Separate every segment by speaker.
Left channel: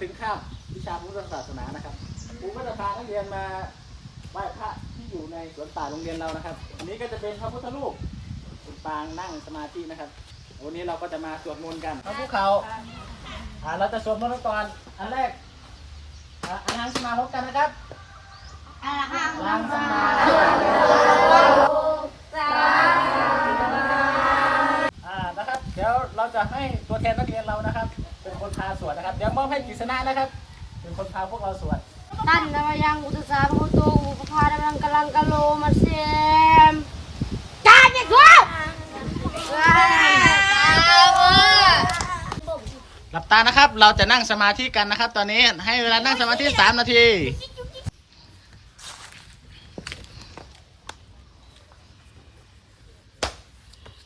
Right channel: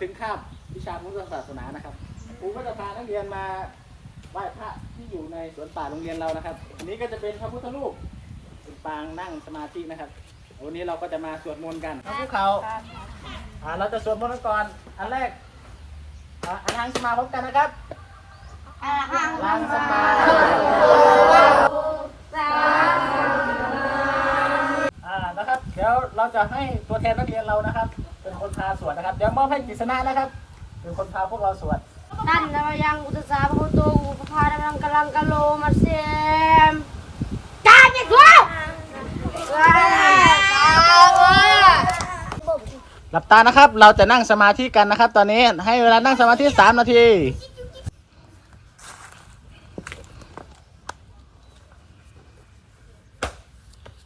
Speaker 1: ถึงคาบวิชาพุทธศาสนานะครับครูก็จะพานักเรียนมาไหว้พระที่อยู่ในสวนป่าโรงเรียนเรานะครับ อันนี้ก็จะเป็นพระพุทธรูปเป็นปางนั่งสมาธินะครับ วันนี้เราก็จะมาสวดมนต์กันพระภูเขาอ่าเราจะสวดมนต์กันก่อนอันแรกอ่าอาหารสมาพบกันนะครับ อาหารสมาอ่า เดี๋ยวเราจะให้ตัวแทนนักเรียนเรานะครับ เป็นคนพาสวดนะครับ เดี๋ยวมอบให้กฤษณะนะครับ เป็นคนพาพวกเราสวด
Speaker 2: ตันนวยังอุตสาหะโตอุปภาดำลังกำลังกะโลมาเซมการเนี่ยกู
Speaker 1: หลับตานะครับ เราจะนั่งสมาธิกันนะครับ ตอนนี้ให้เวลานั่งสมาธิสามนาที
Speaker 2: ม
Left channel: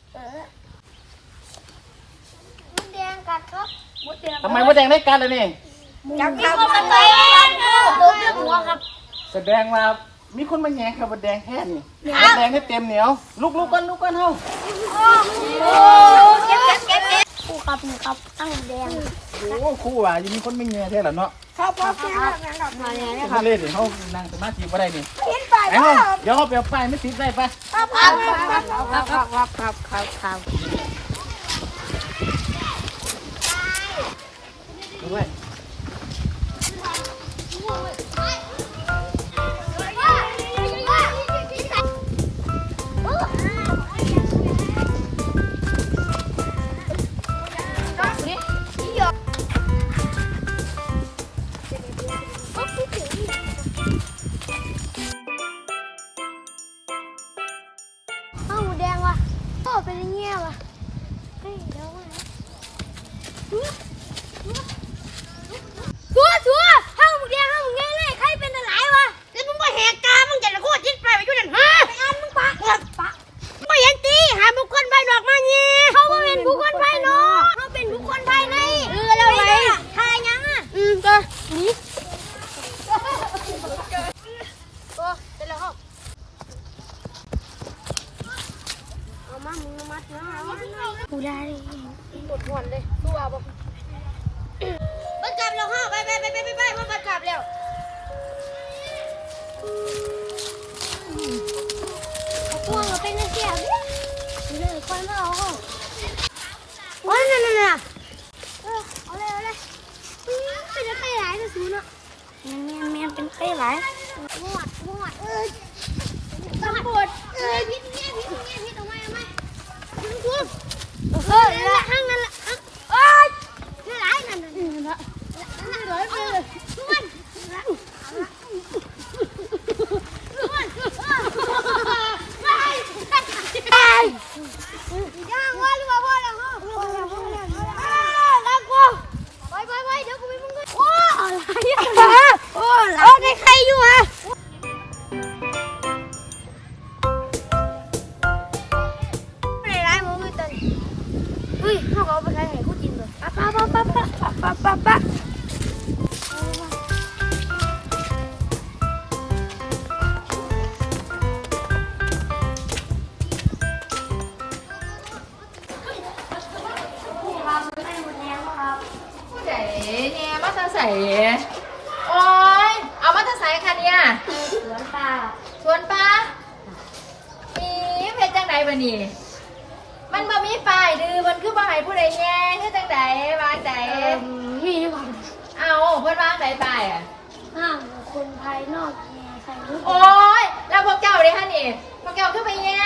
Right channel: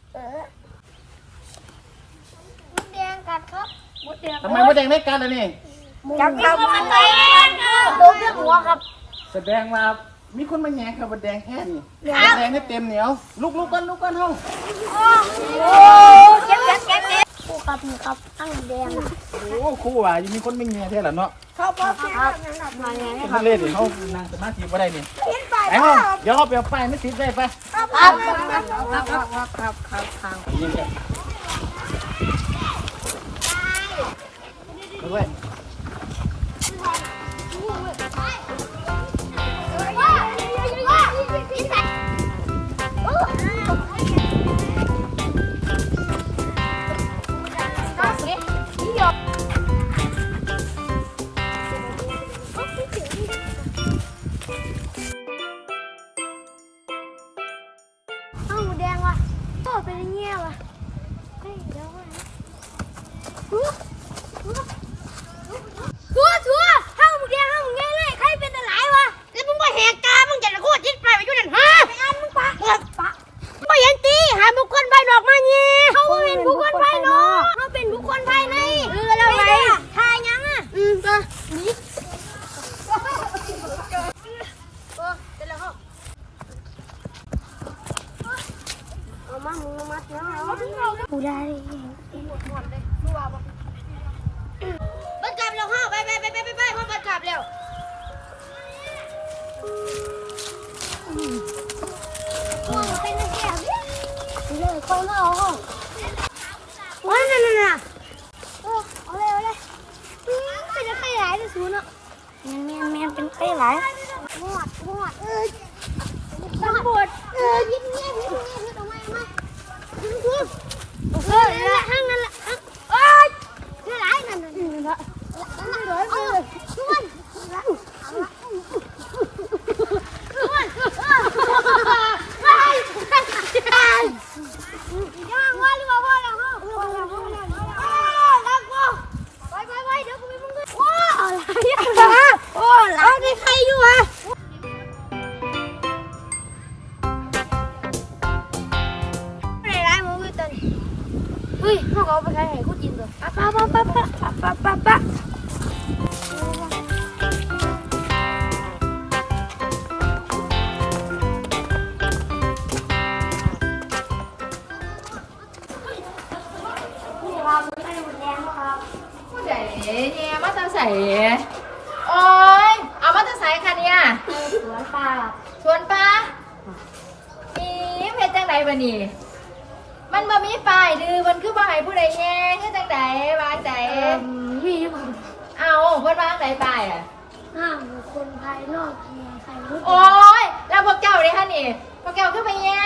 Speaker 2: ดแดง กัดครับมดแดง
Speaker 1: ทำไมมดแดงได้กันเลยนี่
Speaker 2: จับจับมันแดงตัวเรื่องหัวครับ
Speaker 1: แสดงว่ามีคนมาแย่ครับมดแดงแค่นี่มดแดงนี่เต็มเหนียวลุกลุกกันลุกกันเฮ้า
Speaker 2: โอ้เก็บเก็บเก็บเก็บผู้ครับนี่ครับตั้งแดง
Speaker 1: โอ้ครู่ว่ะยังมีคนไม่แย่แท้เหรอเนาะ
Speaker 2: ครับครับครับ
Speaker 1: เป็นมาเล่นดิเขานั่งสมาธิก็ได้นี่ไอ้เฮ้าเดี๋ยวเขาไปเอาป้ายไม่ติดได้ปะ
Speaker 2: ครับครับครับครับครับครับ Bye-bye. มก็นี่โอ้เสร็จแล้วเอามามึงมาเนาะกูได้หมดหมดเลยตัวบ่บัดกลับแล้วค่ะไปไปไปไปไปไปมาบัดกลับแล้วพวเราเป็นนักเที่ยวนี่เลยคอยมาเอาห้องว้านั่นน่ะ 来 แล้วนี่ใครอยู่อะไม่ได้ร้ายมึงอยู่ตอนนี้เฮ้ยเขาก็ เนี่ยไปสวนปลาครับ
Speaker 3: สวนปลามีเพชรจังไดบ่นี่มันบ่มีป้ายดื้อมันคือบ่ให้ผู้ใดแย่คือจังไดวางใจ
Speaker 2: เอ่อนี่ครับ
Speaker 3: เอาเพิ่นวางใดป้ายอะ
Speaker 2: ห้ามบุคคลภายนอกแย่ใส่รูป
Speaker 3: โอ้ยแล้วพวกเจ้าเด้ค่ะนี่พวกเจ้าคือไปแย่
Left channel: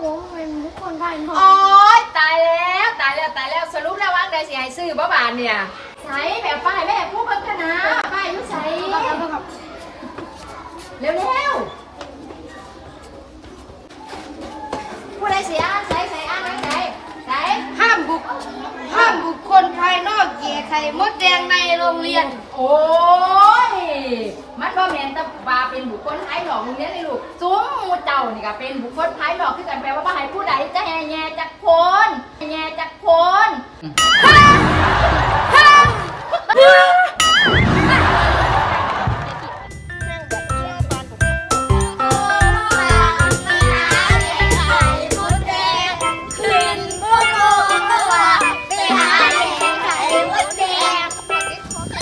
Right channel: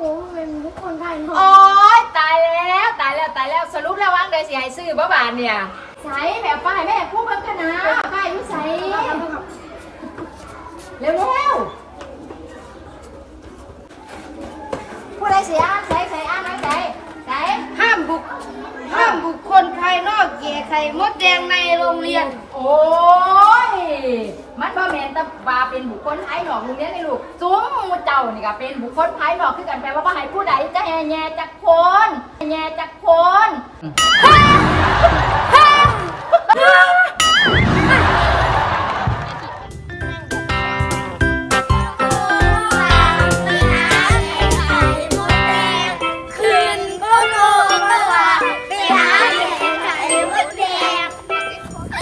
Speaker 2: ผมเป็นบุคคลภายนอก
Speaker 3: โอ้ยตายแล้วตายแล้วตายแล้วสรุปแล้ววางใดสิให้ซื้อบ่บาทเนี่ยใส่แบบป้ายแม่ผู้เบิ่งกันนะป้ายอยู่ใส่ เร็วเร็วๆผู้ใดเสียอ่านใส่ใส่อ่านไว้ใส่ใส่
Speaker 2: ห้ามบุคห้ามบุคคลภายนอกแย่ไข่มดแดงในโรงเรียน
Speaker 3: โอ้ย มันบ่แม่นแต่ว่าเป็นบุคคลภายนอกโรงเรียนนี่ลูกซุ้มหมู่เจ้านี่ก็เป็นบุคคลภายนอกคือกันแปลว่าบ่ให้ผู้ใดจะแย่แย่จักคน